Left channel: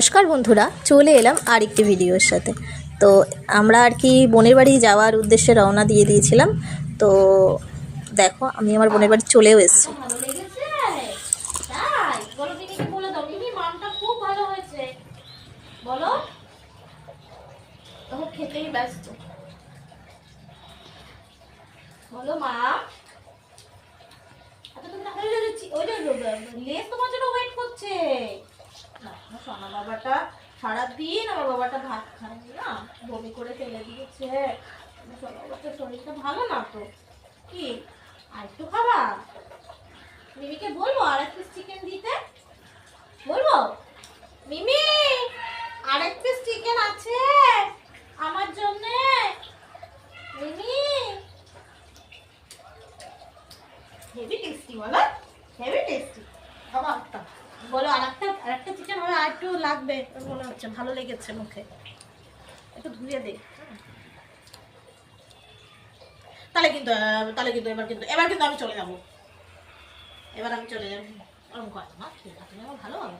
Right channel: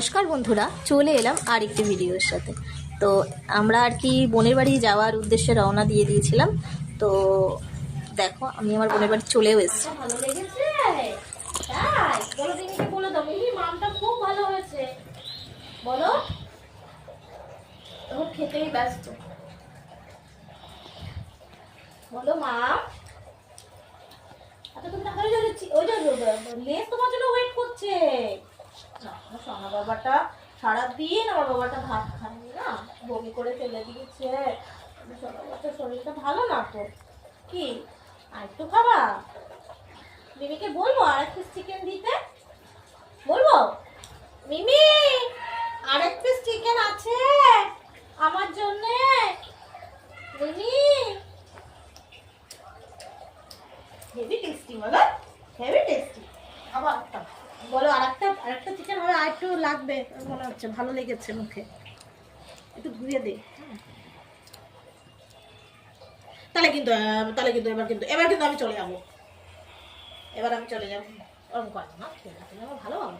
নমস্কার বন্ধুরা, চলে এলাম আরেকটি ভিডিওর সাথে। তো আমরা আর কি বোনের বাড়ি যাওয়ার উদ্দেশ্যে রওনা দিয়ে দিয়েছিলাম। তো দেখো, আমি আমার বোনের বাড়ি চলেও এসেছি। ভালো লেগেছে তাই বলো, দিদিকে বলে দাও মিমি মামটা খুব ভালো হয়েছে বলো। তখন খেতেই ব্যস্ত বলো মা। আচ্ছা তুমি তাহলে যাচ্ছি, ওই যে লেস তোমার জন্য ওয়েট করছে। সোনা বাবাটা সারাদিন আমার বাবাটা ভাত খায়নি না, বমি করে ফেলে দিয়েছে। সোনা বাবার শরীরটা ভালো না তো, কি আর একটু খাবা? মিমিকে বলবো আর এক পিস চিকেন দিতে, বলবো মিমি আর এক পিস চিকেন আছে আমার জন্য। মিমি হেভি টেস্টি বলো, হেভি টেস্টি। খাবা একটা, বলো আর একটা চিকেন হবে, আর একটু লাগবে মনে হচ্ছে, ভালো লেগেছে মুখে, একটু ধুয়ে দে। তাহলে কিন্তু এবার কিন্তু আমি চলে যাবো, এবার আমি চলে যাবো। ভালো বাবা।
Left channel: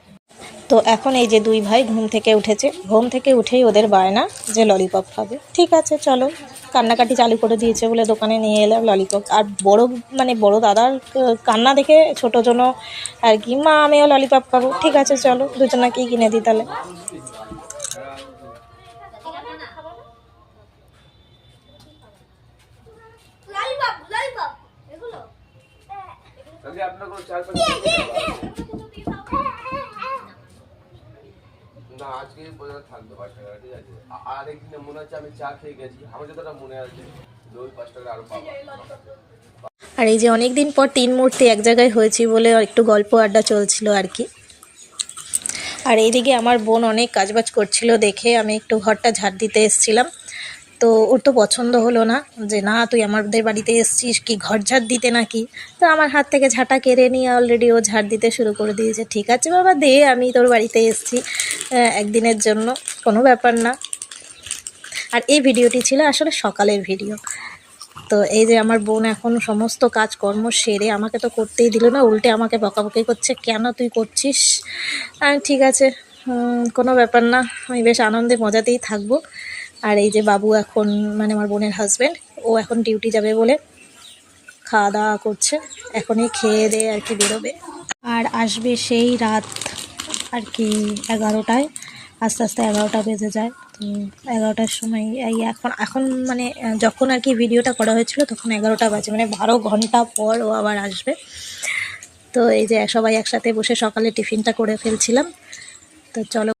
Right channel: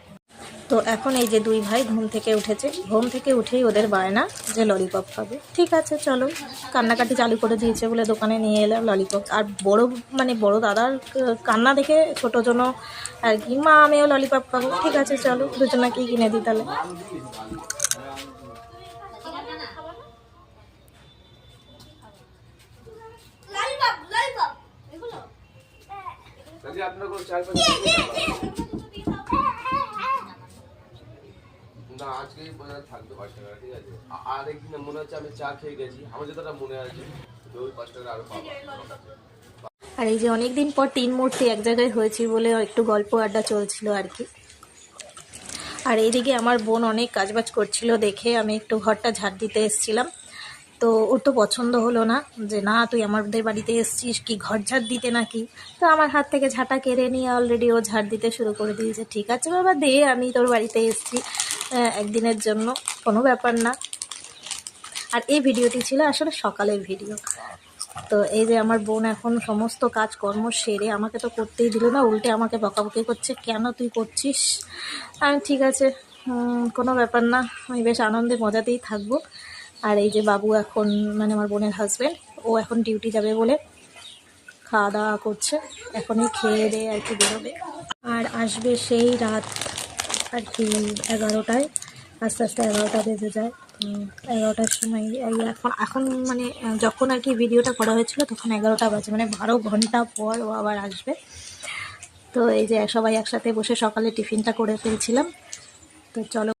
তো এখন এই যে দুই ভাই ঘুম থেকে উঠেছে, ঘুম থেকে উঠেই ওদের বায়না যে ললিপপ খাবে। ঠিক আছে চলো, কান্নাকাটি চালু করে দিয়েছে বলে দোকানে নিয়ে এলাম ললিপপ। আর বড় দাদার কান্না দেখে ছোটো জন্য আর কি, মা আমিও ললিপপ খাবো। ঠিক আছে চলো, দুজনাকেই কিনে দিই তাহলে। আজকেই পর্যন্ত থাকবে 5 টাকা, ঠিক আছে? আর একদিন মনে হচ্ছে আমি চা খেয়ে গেছি, আমার যেটা মনে আছে ওই 5 টাকা আরো পাবো। আর এই যে অনেক দিন পর 3 মূর্তি এক জায়গায় হয়েছি বলে একটু গল্প আড্ডা চলছিল আর কি। আর এইদিকে আমার বোন অনেক কাজবাজ করছিল দেখে আমি একটু ঘরটা ঝাড় দিতে এসেছিলাম। তো ওর তো পছন্দ হলো না, যে না তুই আমাদের বাড়িতে এসেছিস কি ঘর ঝাড় দিতে নাকি। তো আমার হাত থেকে ঝাঁটা কেড়ে নিয়ে অলরেডি ও ঝাড় দিতে শুরু করে দিয়েছে। ঠিক আছে বাবা দে, আমি তোর বাড়িতে এসেছি একদিনের জন্য, কোনো ব্যাপার না। আর এই ভিডিওটি ছিল আসলে সকালের ভিডিও। তো এই যে আমার বোন এখন সমস্ত কাজকর্ম সেরে আমাকে তো করতেই দিল না, উল্টে আমাকে বকাবকি করছে, কেন তুই করছিস। ঠিক আছে, কোনো ব্যাপার না, আমি বেশ আনন্দে মজাতেই থাকবো। আর এই যে বাবু এখন মানে আমার বোনের হাজব্যান্ড, ও এখন ডিউটি যাবে বলে খাওয়া দাওয়া করছে, এখনই খেয়ে দিয়ে আর কি বেরোবে। আর আসবে সেই রাত আর কি 11টায়, আস্তে আস্তে 11টা বেজে যায়। তো 11টার সময় এই এখন মানে যখন আর কি ভিডিওটা করা হয়েছিল তখন 11টা বাজে, মানে 12 ঘন্টা পর ও আবার আসবে। তো এই যে সবাই একসাথে বসে সকালে টিফিনটা করে ফেলছিলাম। তো চলো।